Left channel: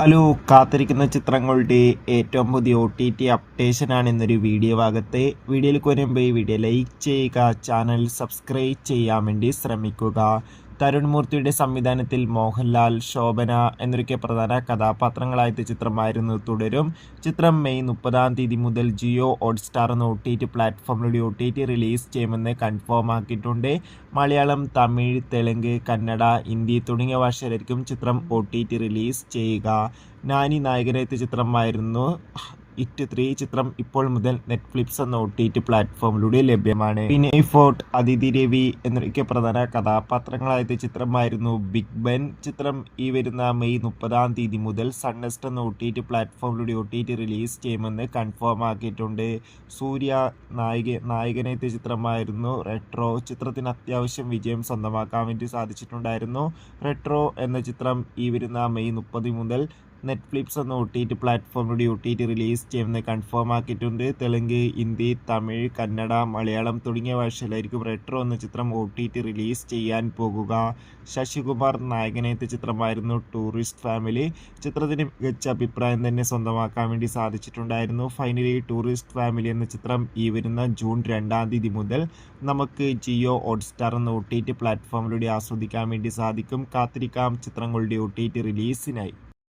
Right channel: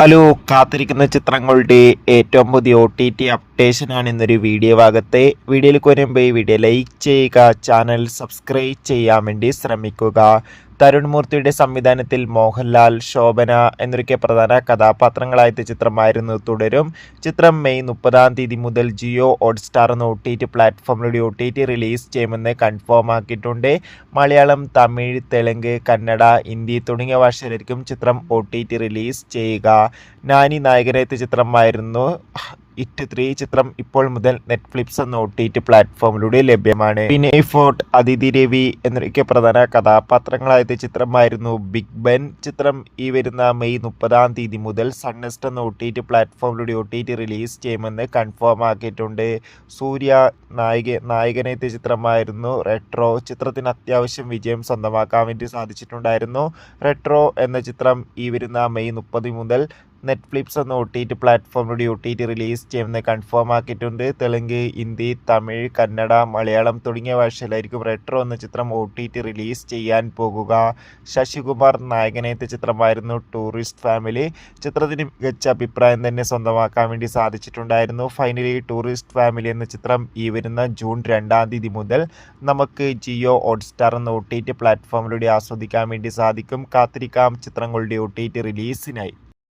Hello, കാത്തിരിക്കുന്ന ചിത്രങ്ങളുടെ ഏറ്റവും പുതിയ OTT അപ്ഡേഷനാണ് ഇന്നൊരു വീഡിയോ ഭാഗത്തെ. വീഡിയോയിലേക്ക് വരുമ്പോൾ ഈ വീഡിയോ ലൈക്ക് ചെയ്യുക, ചാനൽ സബ്സ്ക്രൈബ് ചെയ്യാൻ വേണ്ടി ശ്രമിക്കുക. തരുൺ മൂർത്തിയുടെ സംവിധാനത്തിൽ മോഹൻലാൽ, ശോഭന എന്നൊക്കെ പ്രധാന കഥാപാത്രങ്ങളായ ചിത്രമായിരുന്നു തുടരും. ചിത്രം മെയ് 30 മുതൽ ജിയോ ഹോട്ട്സ്റ്റാർ എന്ന OTT പ്ലാറ്റ്ഫോമിലൂടെ OTT റിലീസ് ചെയ്യുമെന്ന് കൺഫേം ആക്കിയിട്ടുണ്ട്. മലയാളം, തമിഴ്, തെലുങ്ക്, കന്നഡ, ഹിന്ദി തുടങ്ങിയ ഭാഷയിലായിരിക്കും ചിത്രം OTT റിലീസ് ചെയ്യുക. നാനി നായകനെത്തിയ ചിത്രമായിരുന്നു ഇറ്റ് 3. ചിത്രം ഇപ്പോൾ മുതൽ നെറ്റ്ഫ്ലിക്സ് എന്ന OTT പ്ലാറ്റ്ഫോമിലൂടെ ലഭ്യമാണ്. വിനയ് ഫോർട്ട്, അതിഥി രവി എന്നൊക്കെ പ്രധാന കഥാപാത്രങ്ങളായ ചിത്രമായിരുന്നു ബിഗ് ബെൻ. ചിത്രം ഈ വരുന്ന മെയ് 30 മുതൽ സൺനെസ്റ്റ് എന്ന OTT പ്ലാറ്റ്ഫോമിലൂടെ OTT റിലീസ് ചെയ്യുമെന്ന് കൺഫേം ആക്കിയിട്ടുണ്ട്. സൂര്യ നായകനെത്തിയ ചിത്രമായിരുന്നു റെട്രോ. ചിത്രത്തിന് അത്യാവശ്യം വിജയം സ്വന്തമാക്കാൻ വേണ്ടി സാധിച്ചിട്ടുണ്ടായിരുന്നു. റെട്രോ എന്ന ചിത്രം ഈ വരുന്ന മെയ് 30 മുതൽ നെറ്റ്ഫ്ലിക്സ് എന്ന OTT പ്ലാറ്റ്ഫോമിലൂടെ OTT റിലീസ് ചെയ്യുമെന്ന് കൺഫേം ആക്കിയിട്ടുണ്ട്. തെലുങ്ക്, ഹിന്ദി, തമിഴ്, കന്നഡ, മലയാളം തുടങ്ങിയ ഭാഷയിലായിരിക്കും റെട്രോ എന്ന ചിത്രം OTT റിലീസ് ചെയ്യാൻ പോകുക. ശശികുമാർ നായകനെത്തിയ ചിത്രമായിരുന്നു ടൂറിസ്റ്റ് ഫാമിലി. ചിത്രത്തിന് മികച്ച അഭിപ്രായം തന്നെ സ്വന്തമാക്കാൻ വേണ്ടി സാധിച്ചിട്ടുണ്ടായിരുന്നു. ഫൈനലി ടൂറിസ്റ്റ് ഫാമിലി എന്ന ചിത്രം ഈ വരുന്ന ജൂൺ 2 മുതൽ നമുക്ക് ജിയോ ഹോട്ട്സ്റ്റാർ എന്ന OTT പ്ലാറ്റ്ഫോമിലൂടെ ആസ്വദിക്കാൻ വേണ്ടി സാധിക്കും. കാത്തിരിക്കാം ചിത്രങ്ങളുടെ OTT റിലീസിനായി.